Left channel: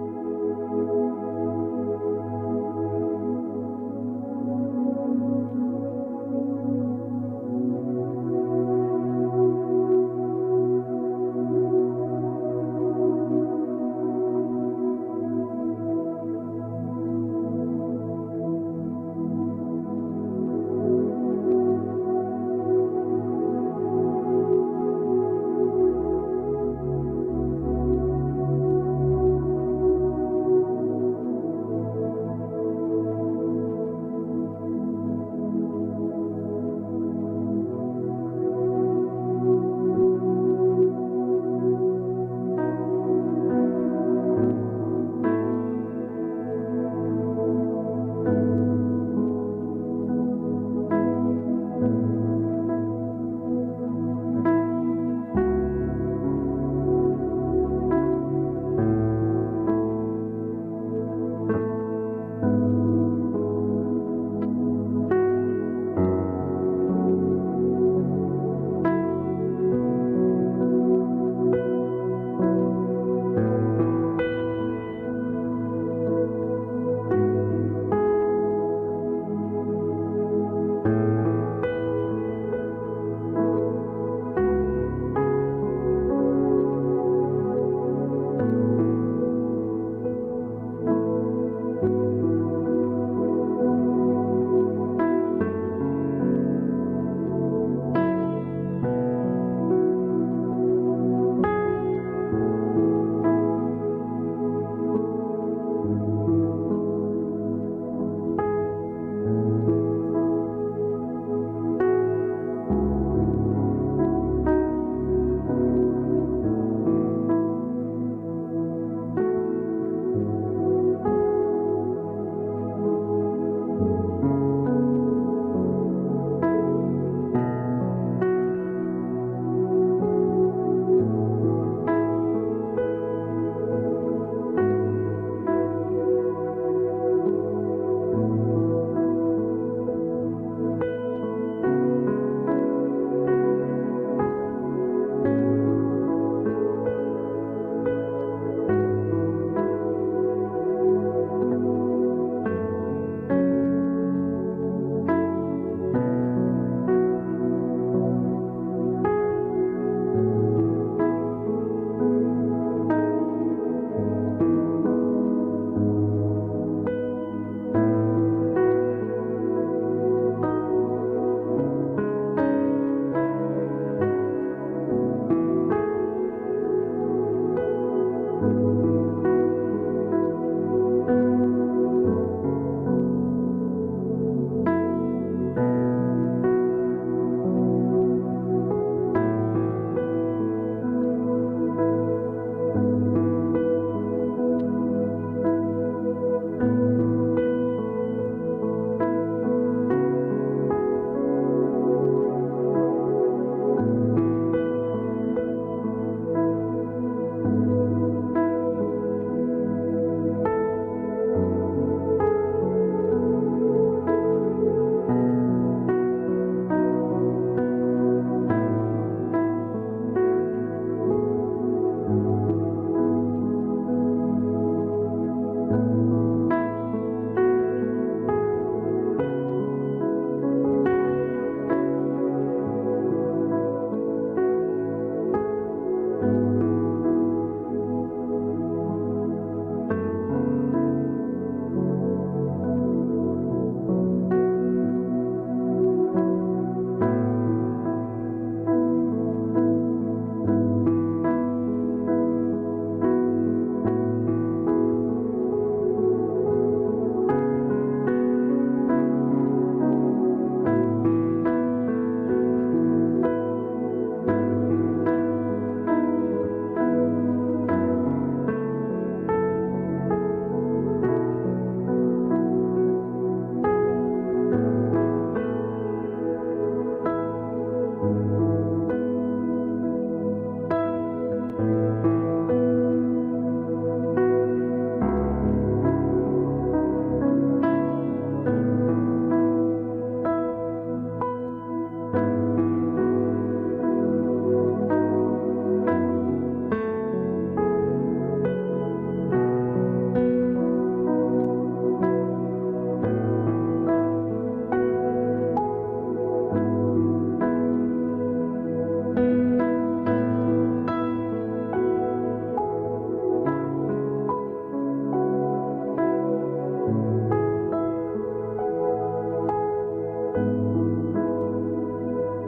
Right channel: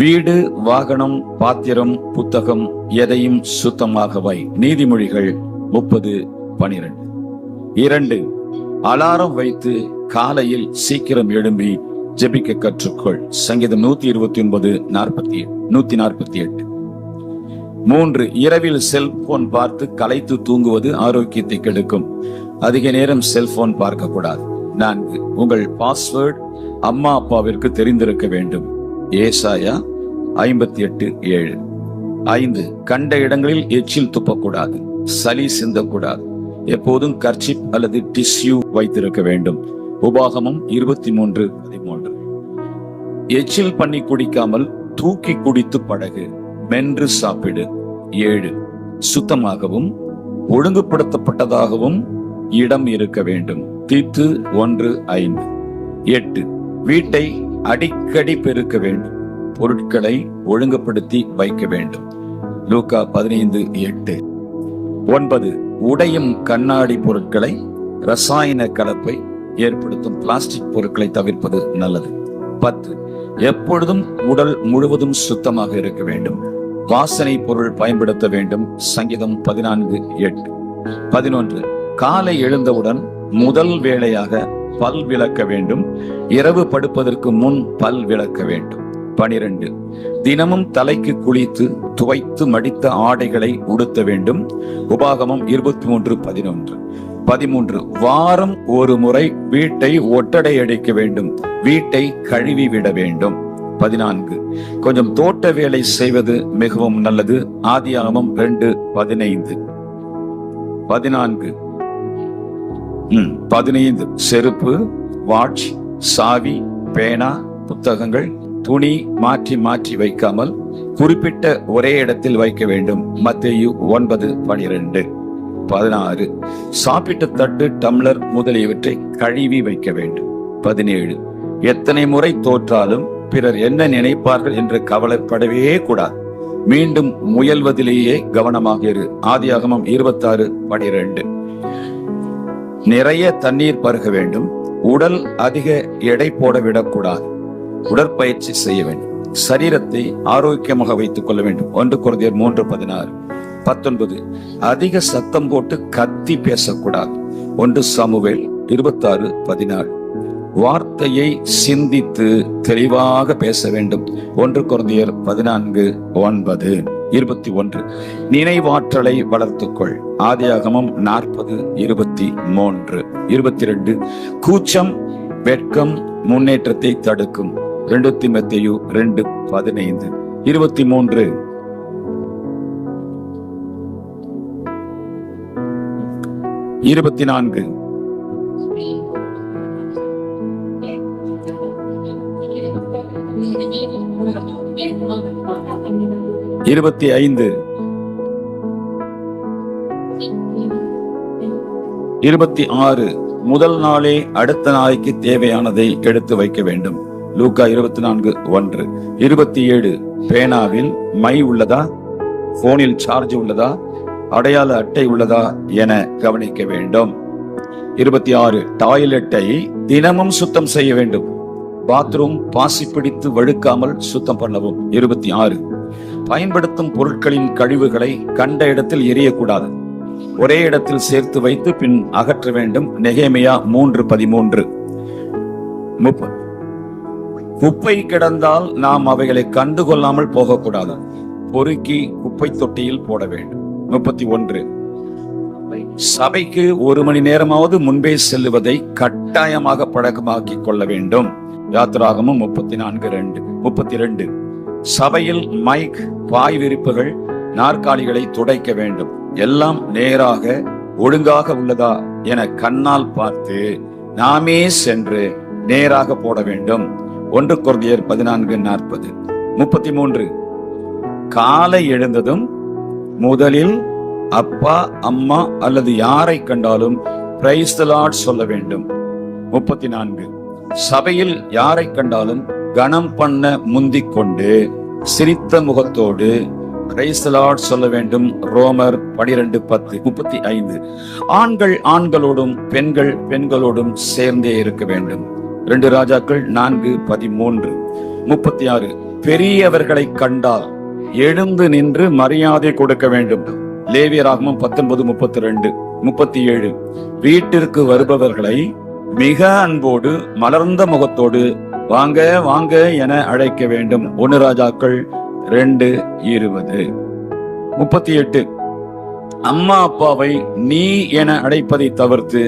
வீடு, வாகனம், பாத்திரம், புத்தகம் எதையும் சுத்தமாக வை. நீதிமொழிகள் 30:12. 2. அலாரம் வைத்து காலையில் சீக்கிரம் எழும்பி ஜெபிக்க கற்றுக்கொள். சங்கீதம் 149:148. 3. இரவில் செல்போன் பார்த்து களைத்து தூங்குவது ஆரோக்கியத்தை கெடுக்கும். அதிக நேரம் செல்போன் பார்க்க கூடாது. 4. உங்கள் பாஸ்வேர்டு அம்மா அப்பாவிற்கு தெரிந்திருக்க வேண்டும். ஏசாயா 58:7. 5. கண்ட இடங்களில் எச்சில் துப்பக்கூடாது. சளி சிந்தக்கூடாது. எப்போதும் கர்ச்சிப் அல்லது டிஷ்யூ வைத்திருக்க வேண்டும். உபாகமம் 23:13. எச்சில் பண்ணி குடிக்காமல் தூக்கி குடித்து பழகு. மென்று சாப்பிடு. 7. சுத்தமாகவும் ஒழுங்குபடுத்தப்பட்டதாகவும் இடம் இருக்க வேண்டும். தீத்து 1:5. 8. வீட்டை அடிக்கடி பெருக்க வேண்டும். பொருட்களை ஒழுங்குபடுத்தி வைக்க வேண்டும். லூக்கா 15:8. 9. உடையும் கண்ணாடி பொருட்களை, ரசாயன கலப்பை ஏற்படுத்தும் பிளாஸ்டிக் பொருட்களை தவிர்ப்பது நல்லது. 10. எப்பொழுதும் உடல் முழுவதும் சுத்தமாக இருக்க வேண்டும். வாசனை பொருள் பயன்படுத்த வேண்டும். சங்கீதம் 14:8. 11. காலை எழுந்தவுடன் முதல் வேளையாக பல் விளக்க வேண்டும். இரவு படுப்பதற்கு முன் பல் விளக்க வேண்டும். 12. தினமும் தலைக்கு குளித்து துவைத்து மடித்த ஆடைகளை உடுத்த வேண்டும். உபாகமம் 23:11. 13. வாரம் ஒரு முறை வீட்டை ஒட்டடை அடிக்க வேண்டும். வீட்டை கழுவி விட வேண்டும். 14. கொஞ்சம் தோட்ட வேலை செய்வது மிகவும் நல்லது. ஆதியாகமம் 2:15. 14. 15. செருப்பு, வாட்ச், சாவி, பேனா, புத்தகங்கள், துணி மாற்றி மாற்றி வைக்காமல் குறிப்பிட்ட ஒரே இடத்தில் வைக்க வேண்டும். மத்தேயு 9:12. 16. சாப்பிட்ட தட்டு, டம்ளர் முதலியவற்றை கழுவி வைக்க வேண்டும். 17. எத்தனை முறை தோற்றாலும் பிறர் என்ன நினைப்பார்கள் என்று கவலைப்படவே கூடாது. மீண்டும் முயல்வதிலேயே கவனமாக இரு. ஆதியாகமம் 26:12. நிறைய தண்ணீர் பருக வேண்டும். உடல் அதிக எடை போட விடக்கூடாது. உடற்பயிற்சி செய்ய வேண்டும். சரீரத்தை ஆரோக்கியமாக வைத்துக் கொள்ள வேண்டும். 1 கொரிந்தியர் 3:16. 19. அதிக சத்தம் போட்டு கத்தி பேசக்கூடாது. 1 சாமுவேல் 26:14. வார்த்தையை சிந்தித்து தெளிவாக பேச வேண்டும். 1 கொரிந்தியர் 14:9. 21. நினைவாற்றலை வளர்த்துக்கொள். ஆதியாகமம் 40:23. 22. கூச்சம், வெட்கம் முன்னேற்றத்தை தடுக்கும். 2 தீமோத்தேயு 2:15. 23. 24. 25. 26. முதல் நாளே அடுத்த நாளைக்கு தேவையானதை எடுத்து வைக்க வேண்டும். லூக்கா 24:1. 27. பேனாவில் மை உள்ளதா, போனில் சார்ஜ் உள்ளதா, அடையாள அட்டை உள்ளதா என கவனிக்க வேண்டும். 26. டாய்லெட்டை தினமும் சுத்தம் செய்ய வேண்டும். பாத்ரூம் பாசி பிடித்து வழுக்காமல் சுத்தம் பண்ணவும். 26. பயன்படுத்தும் பொருட்களின் கழிவுகளை கண்ட இடத்தில் எரியக்கூடாது. ஒரே இடத்தில் சேர்த்து வைத்து பின் அகற்ற வேண்டும். நெகேமியா 3:13. 30. குப்பை கிடந்தால் நாம் அவைகளை கண்டுகொள்ளாமல் போகக்கூடாது. பொறுக்கி குப்பை தொட்டியில் போட வேண்டும். 31. சபைக்கு 1 மணி நேரமாவது முன்பே செல்லுவதை கட்டாயமாக பழக்கமாக்கி கொள்ள வேண்டும். யாத்திராகமம் 34:2. 32. சபையில் மைக், பாய் விரிப்புகள், நாற்காலிகளை துடைக்க வேண்டும். எல்லாம் நேராக ஒழுங்காக உள்ளதா என கண்ணால் பார்த்து நாமே சென்று நேராக போட வேண்டும். 1 கொரிந்தியர் 14:40. 33. காலை எழுந்ததும் முதலில் அப்பா, அம்மா அல்லது யாரை கண்டாலும் பிரைஸ் தி லார்ட் சொல்ல வேண்டும். 34. சபையில் யாரை கண்டாலும் கனம் பண்ண முந்திக் கொண்டு சிரித்த முகத்தோடு பிரைஸ் தி லார்ட் சொல்ல வேண்டும். ரோமர் 12:10. 35. ஆண்கள் ஆண்களோடும் பெண்கள் பெண்களோடும் சேர்ந்தே இருக்க வேண்டும். 2 ராஜாக்கள் 4:13. 36. பெரியவர்களை கண்டால் எழுந்து நின்று மரியாதை கொடுக்க வேண்டும். லேவியராகமம் 19:32, 37. வீட்டிற்கு வருபவர்களை மிக அன்போடு மலர்ந்த முகத்தோடு வாங்க வாங்க என அழைக்க வேண்டும். 1 ராஜாக்கள் 2:20. 38. அம்மா அப்பாவை நீ என அழைப்பதை தவிர்த்து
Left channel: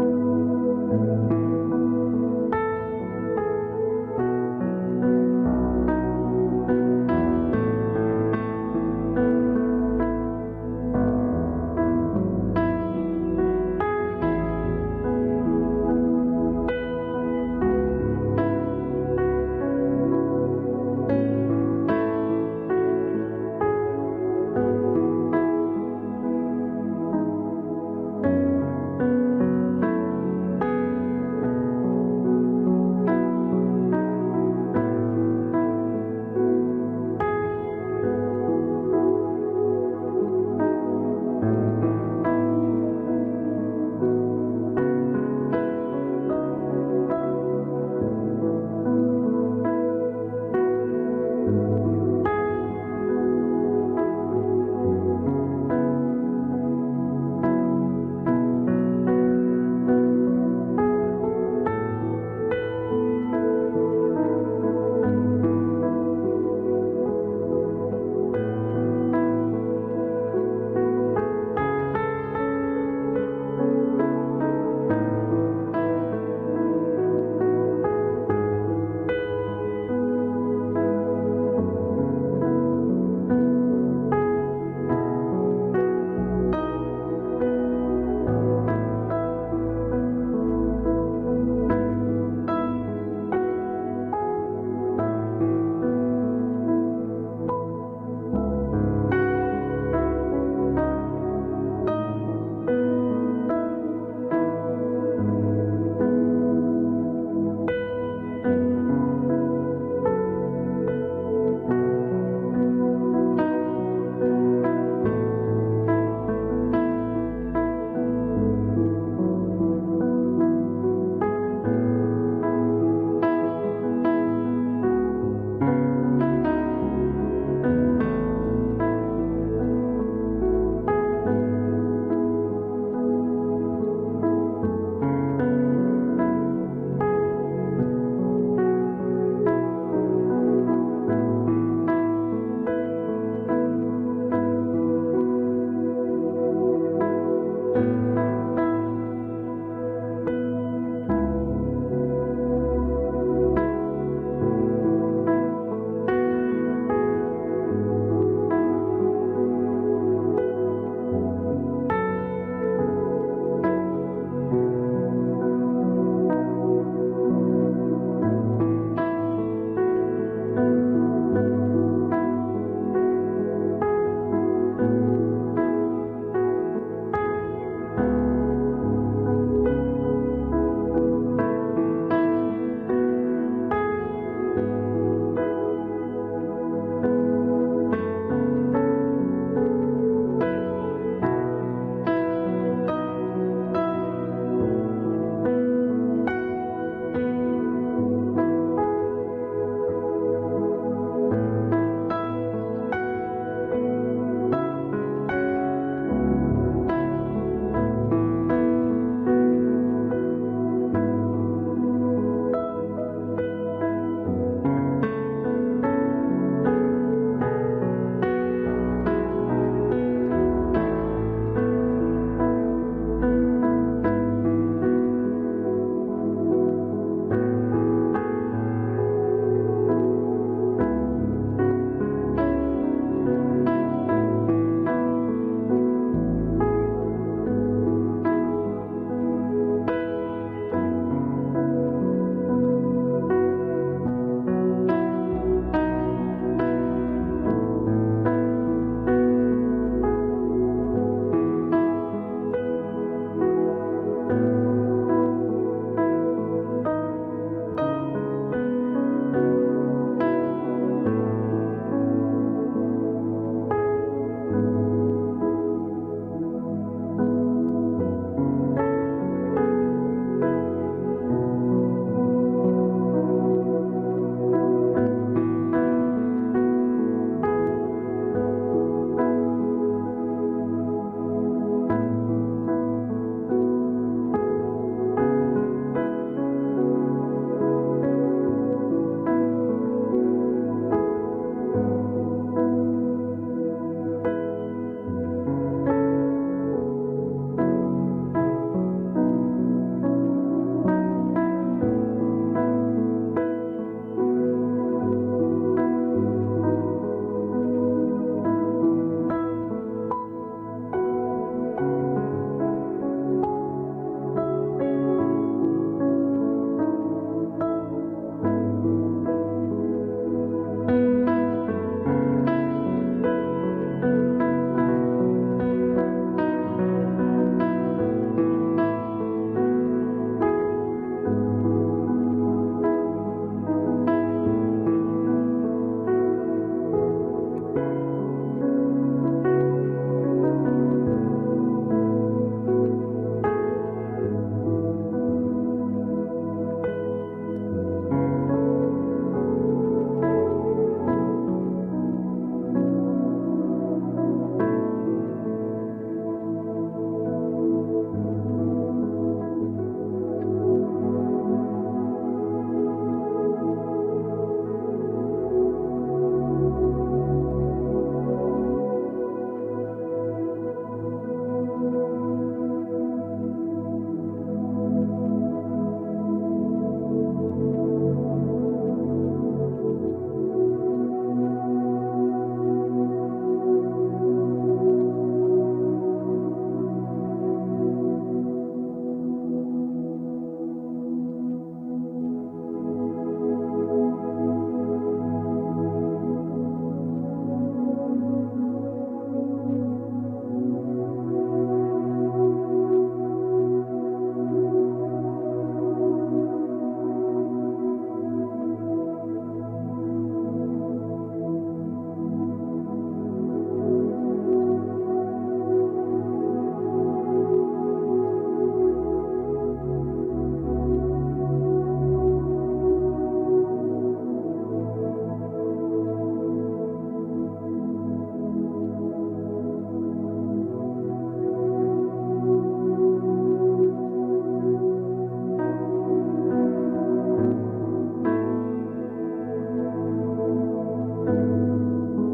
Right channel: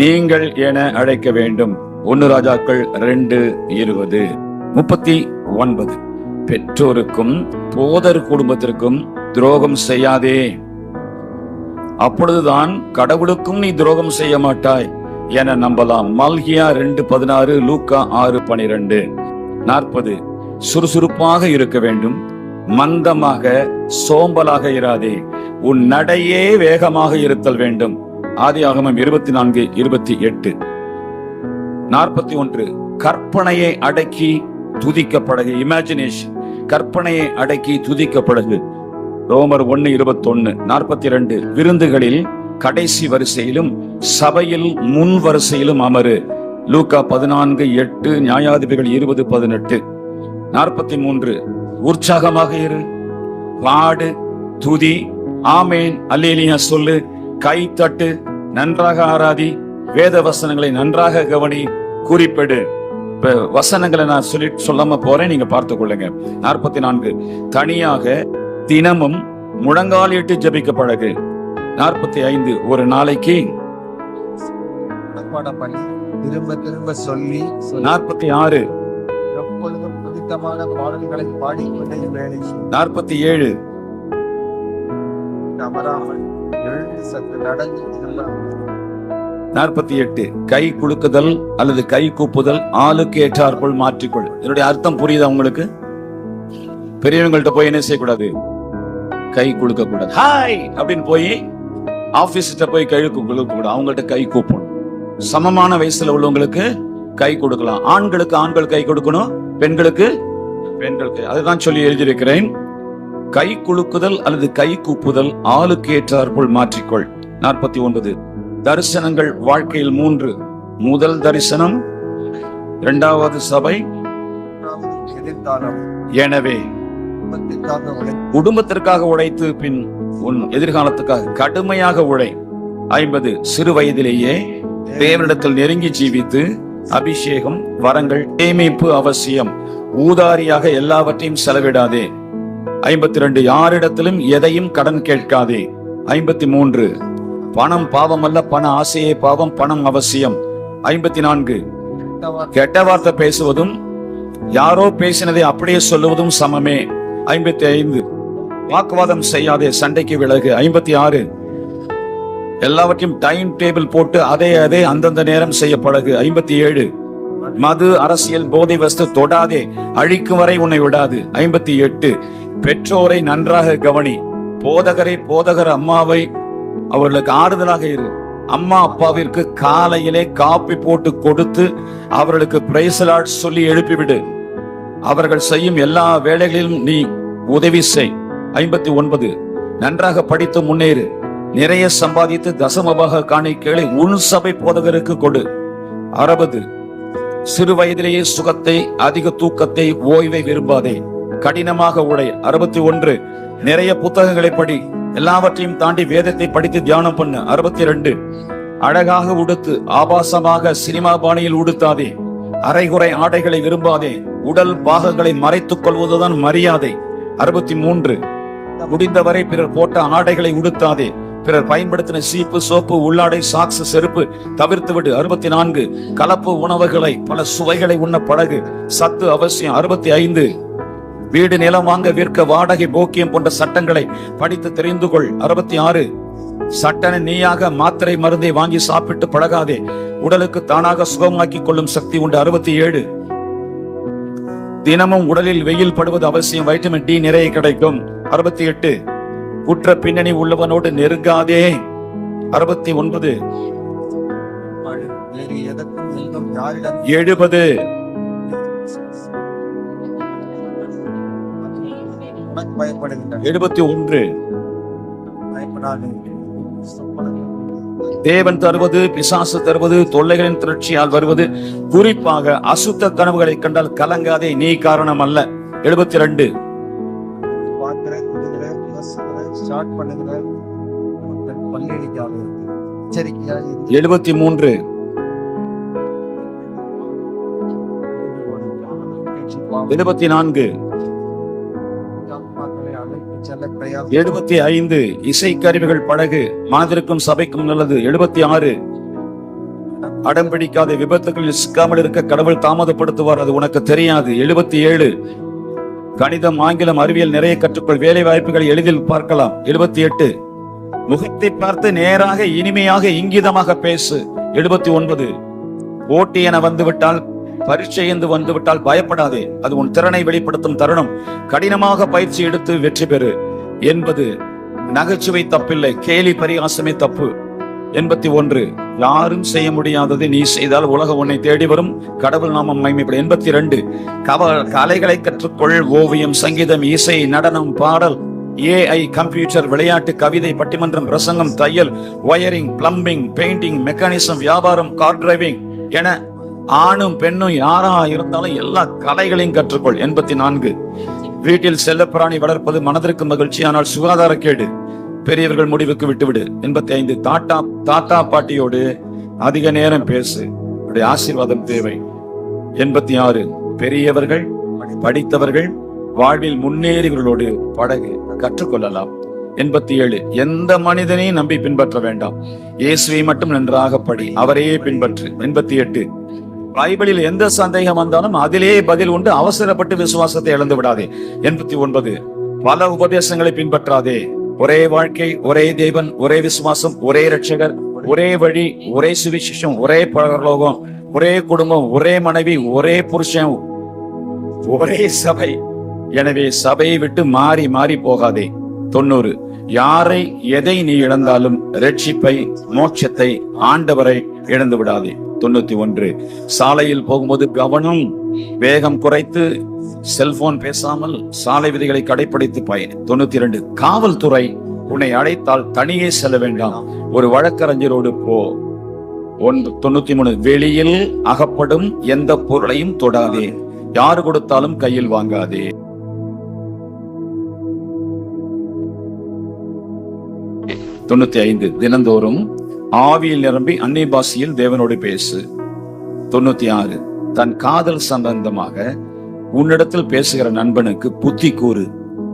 நீங்கள் என அழைக்க வேண்டும். 1 ராஜாக்கள் 2:20. 39. பெற்றோருக்கும் போதர் குடும்பத்திற்கும் துரோகம் செய்யாதே, அப்பொழுதுதான் கடவுளுக்கும் நீ துரோகம் செய்ய மாட்டாய் என நம்பலாம். மல்கியா 2:16, லூக்கா 6:12. 40. சுறுசுறுப்பாக இருக்க வேண்டும், மந்தமாக சோம்பலாக இராதே, உன் நடையே வேகமாக இருத்தல் வேண்டும். ஆதியாகமம் 24:28. 41. கற்பனையை அடக்கி துதிக்கப்படகு, இமேஜினேஷன். கற்பனையை அடக்கி துதிக்கப்படகு. ரோமர் 1:21. 42. விருந்துகளில் கடைசி வரிசையிலும் சபையில் முன் வரிசையிலும் அமரு. லூக்கா 14:8, நியாயாதிபதிகள் 20:18. 43. உற்சாகமாக இரு, பாடு, துதி, ஆமேன், அல்லேலியா சொல்லு, கை தட்டு, நன்றாக ஆராதி, வேத வசனங்களை நன்றாக கவனி, குறிப்பிடு. வசனங்களை நான் சொல்லாம போறேன், நீங்க பார்த்துக் கொள்ளுங்க. 44. தனியாக தினமும் முழங்காலிட்டு ஜெபிக்க பழகு. 45. ஒரு நாளைக்கு திரும்ப திரும்ப சொல்லி. 46. எப்பொழுதும் பிடித்தமான பாடல்களை பாடிக்கொண்டே வேலை. 47. அமராமல் எழுந்து சற்று நடந்து செல்லலாம். 48. கை குலுக்குதல் அல்லது கை கூப்புதல் ஆளுக்கு ஏற்றாற்போல் மாற்றிக்கொள். இதனுடைய அர்த்தம் புரியுதா உங்களுக்கு? பெரியவங்கள்ட்ட போய் என்ன செய்யக்கூடாது? கை குலுக்க கூடாது. ஹாய் அப்படின்னு போய் ஆபீஸ்ல போய் கை குலுக்க கூடாது. அவங்கள்ட்ட கை கூப்பணும். சமமான வயசுல உள்ளவங்களுக்கு கை கொடுக்கலாம். ஆண்களுக்கு ஆண்கள் கை கொடுக்கணும், பெண்களுக்கு பெண்கள் கை. அதுதான் சொல்லி எழுதியிருக்கிறேன். கை குலுக்குதல் அல்லது கை கூப்புதல் ஆளுக்கு ஏற்றாற்போல் மாற்றிக்கொள். 49. தரிசனங்கள் வாழ்க்கையில் 3. முதல் தரிசனம், 2வது சபை, எனவே குடும்பத்திற்காக உழைத்து பின் உன் எதிர்காலத்துக்காக கடுமையாக உழை. 50. சிறு வயதிலேயே தேவனிடத்தில் நெருங்கி ஜீவித்து அபிஷேகம், வரங்கள், சேமிப்பு அவசியம். ஊதாரியாக எல்லாவற்றையும் செலவிடாதே. 52. யாரிடத்திலும் எதையும் கடன் கேட்காதே. 53. பணம் பாவம் அல்ல, பண ஆசையே பாவம், பணம் அவசியம். 54. கெட்ட வார்த்தை பேசுவதும் யாரோ பேசினதை அப்படியே சொல்லுவதும் சமமே. 55. வாக்குவாதம் செய்யாதே, சண்டைக்கு விலகு. 56. எல்லாவற்றையும் டைம் டேபிள் போட்டு அதே அந்தந்த நேரம் செய்ய பழகு. 57. மது, அரசியல், போதை வஸ்து தொடாதே, அழிக்கும் வரை உன்னை விடாது. 58. பெற்றோரை நன்றாக கவனி. போதகர் அம்மாவை அவர்களுக்கு ஆறுதலாக இரு. அம்மா அப்பாவிற்கு காலையிலே காப்பி போட்டு கொடுத்து அவர்களுக்கு பிரைஸ் தி லார்ட் சொல்லி எழுப்பிவிடு. அவர்கள் செய்யும் எல்லா வேலைகளிலும் நீ உதவி செய். 59. நன்றாக படித்து முன்னேறு. நிறைய சம்பாதித்து தசமபாக காணிக்கைகளை உன் சபை போதகருக்கு கொடு. 60. சிறு வயதிலேயே சுகத்தை, அதிக தூக்கத்தை, ஓய்வை விரும்பாதே, கடினமாக உழை. 61. நிறைய புத்தகங்களை படி, எல்லாவற்றையும் தாண்டி வேதத்தை படித்து தியானம் பண்ணு. 62. அழகாக உடுத்து, ஆபாசமாக சினிமா பாணியில் உடுத்தாதே. அரைகுறை ஆடைகளை விரும்பாதே. உடல் பாகங்களை மறைத்துக் கொள்வதுதான் மரியாதை. 63. முடிந்தவரை பிறர் போட்ட ஆடைகளை உடுத்தாதே. பிறர் பயன்படுத்தின சீப்பு, சோப்பு, உள்ளாடை, சாக்ஸ், செருப்பு தவிர்த்து விடு. 64. கலப்பு உணவுகளை, பல சுவைகளை உண்ண பழகு. சத்து அவசியம். 65. வீடு, நிலம் வாங்க, விற்க, வாடகை, போக்கியம் போன்ற சட்டங்களை படித்து தெரிந்து கொள். 66. சட்டனை நீயாக மாத்திரை மருந்தை வாங்கி சாப்பிட்டு பழகாதே. உடலுக்கு தானாக சுகமாக்கி கொள்ளும் சக்தி உண்டு. 67. தினமும் உடலில் வெயில் படுவது அவசியம், வைட்டமின் டி நிறைய கிடைக்கும். 68. குற்ற பின்னணி உள்ளவனோடு நெருங்காதே. 69. 70. 71. தேவன் தருவது, பிசாசு தருவது, தொல்லைகளின் திரட்சியால் வருவது, குறிப்பாக அசுத்த கனவுகளை கண்டால் கலங்காதே, நீ காரணம் அல்ல. 72 பார்க்கிறேன், விடுகிறேன், யோசிக்கிறேன், ஸ்டார்ட் பண்ணுகிறேன், பள்ளியடிக்காது எச்சரிக்கையா 73 24 75 இசைக்கருவிகள் படகு மனதிற்கும் சபைக்கும் நல்லது. 76 அடம் பிடிக்காத விபத்துகளில் சிக்காமல் இருக்க கடவுள் தாமதப்படுத்துவார், அது உனக்கு தெரியாது. 77 கணிதம், ஆங்கிலம், அறிவியல் நிறைய கற்றுக்கொள், வேலை வாய்ப்புகளை எளிதில் பார்க்கலாம். 78 முகத்தை பார்த்து நேராக இனிமையாக இங்கிதமாக பேசு. 79 போட்டி என வந்துவிட்டால், பரீட்சை என்று வந்துவிட்டால் பயப்படாதே, அது உன் திறனை வெளிப்படுத்தும் தருணம். கடினமாக பயிற்சி எடுத்து வெற்றி பெறு. 80 நகைச்சுவை தப்பில்லை, கேலி பரிகாசமே தப்பு. 81 யாரும் செய்ய முடியாததை நீ செய்தால் உலகம் உன்னை தேடி வரும், கடவுள் நாமம் மகிமைப்படும். 82 கலைகளை கற்றுக்கொள், ஓவியம், சங்கீதம், இசை, நடனம், பாடல், AI, கம்ப்யூட்டர், விளையாட்டு, கவிதை, பட்டிமன்றம், பிரசங்கம், தையல், ஒயரிங், பிளம்பிங், பெயிண்டிங், மெக்கானிசம், வியாபாரம், கார் டிரைவிங் என ஆணும் பெண்ணும் யாரா இருந்தாலும் எல்லா கலைகளையும் கற்றுக்கொள். 84 வீட்டில் செல்லப்பிராணி வளர்ப்பது மனதிற்கு மகிழ்ச்சி, ஆனால் சுகாதார கேடு, பெரியவர்கள் முடிவுக்கு விட்டுவிடு. 85 தாத்தா பாட்டியோடு அதிக நேரம் பேசு, அவருடைய ஆசீர்வாதம் தேவை. 86 பெரியவர்கள், படித்தவர்கள், வாழ்வில் முன்னேறியவர்களோடு பழகு, கற்றுக்கொள்ளலாம். 87 எந்த மனிதனையும் நம்பி பின்பற்ற வேண்டாம், இயேசுவை மட்டும் நன்றாக படி, அவரையே பின்பற்று. 88 பைபிளில் எந்த சந்தேகம் வந்தாலும் அதிலே பதில் உண்டு, அவசரப்பட்டு விசுவாசத்தை இழந்து விடாதே. 89 பல உபதேசங்களை பின்பற்றாதே, ஒரே வாழ்க்கை, ஒரே தேவன், ஒரே விசுவாசம், ஒரே ரட்சகர், ஒரே வழி, ஒரே சுவிசேஷம், ஒரே பரலோகம், ஒரே குடும்பம், ஒரே மனைவி, ஒரே புருஷன், ஒரே சபை. எனவே சபையை விட்டு மாறி மாறி போகாதே. 90 யாரை எதை நீ இழந்தாலும் ரட்சிப்பை, மோட்சத்தை, ஆண்டவரை இழந்து விடாதே. 91 சாலையில் போகும்போது கவனம், வேகம் குறைத்து செல்போன் பேசாமல் சாலை விதிகளை கடைபிடித்து பயணி. 92 காவல்துறை உன்னை அழைத்தால் தனியே செல்ல வேண்டாம், ஒரு வழக்கறிஞரோடு போ. 93 வெளியில் அகப்படும் எந்த பொருளையும் தொடாதே, யாரு கொடுத்தாலும் கையில் வாங்காதே. 95 தினந்தோறும் ஆவியில் நிரம்பி அந்நிய பாஷையில் தேவனோடு பேசு. 96 தன் காதல் சம்பந்தமாக உன்னிடத்தில் பேசுகிற நண்பனுக்கு புத்தி கூறு,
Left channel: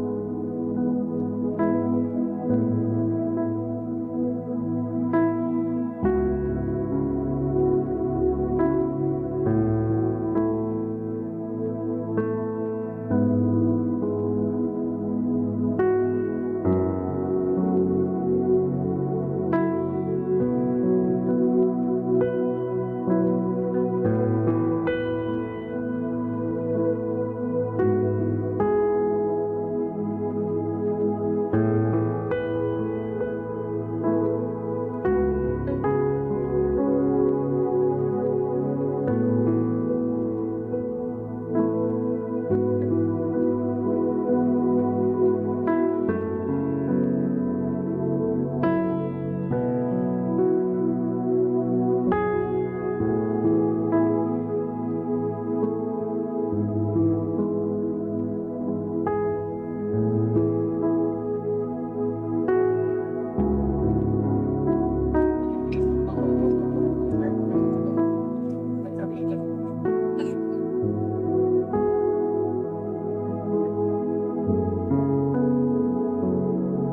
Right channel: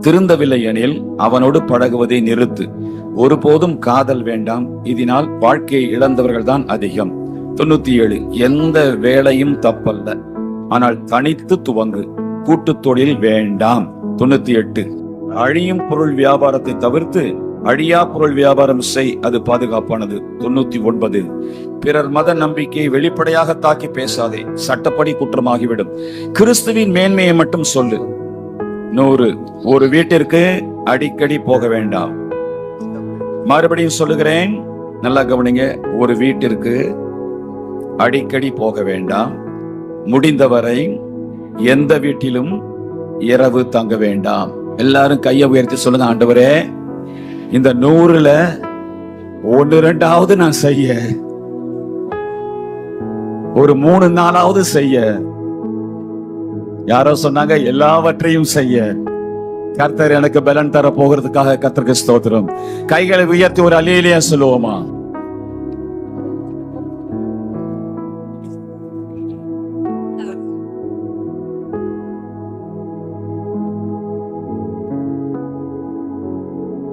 திருந்தவில்லை எனில் அவனோடு பழகுவதை நிறுத்து. ஒருபோதும் காதல் வேண்டாம், இதனால் வாழ்க்கையை இழந்தவர்கள் தான் அதிகம். 97 எந்த வேலையும் தப்பல்ல, ஆனால் தனித்து துவங்கு, கூட்டு தொழில் வேண்டாம். 98 அழியும் பொருள் வியாபாரத்தை தவிர்த்து அழியா பொருள் வியாபாரம் செய், அது பாதுகாப்பானது. 99 பிறர் மத நம்பிக்கையை வெளிப்படையாக தாக்கி பேசாதே, சட்டப்படி குற்றமாகிவிடும். கிறிஸ்துவின் மேன்மையை மட்டும் சொல்லு. 100 ஒரு வீட்டிற்கு அடிக்கடி போக வேண்டாம். மறுபடியும் சொல்லுகிறேன், நல்லா கவனிங்க, ஒரு வீட்டிற்கு அடிக்கடி போக வேண்டாம். முடிந்தவரை எந்த வீட்டிலும் இரவு தங்க வேண்டாம். எல்லாரும் கையை உயர்த்தி சொல்லுங்க, ஆண்டவரே இந்த 100ல 1-2 நான் செய்ய, ஒரு 3-4 செய்ய. யாரோ சொன்னாங்க எல்லாவற்றையும் செய்ய கர்த்தர் எனக்கு பலன் தர போகிறதுக்காக. கர்த்தருக்கு ஸ்தோத்திரம். கைகளை உயர்த்தி ஒரு அல்லேலூயா சொல்லுவோமா?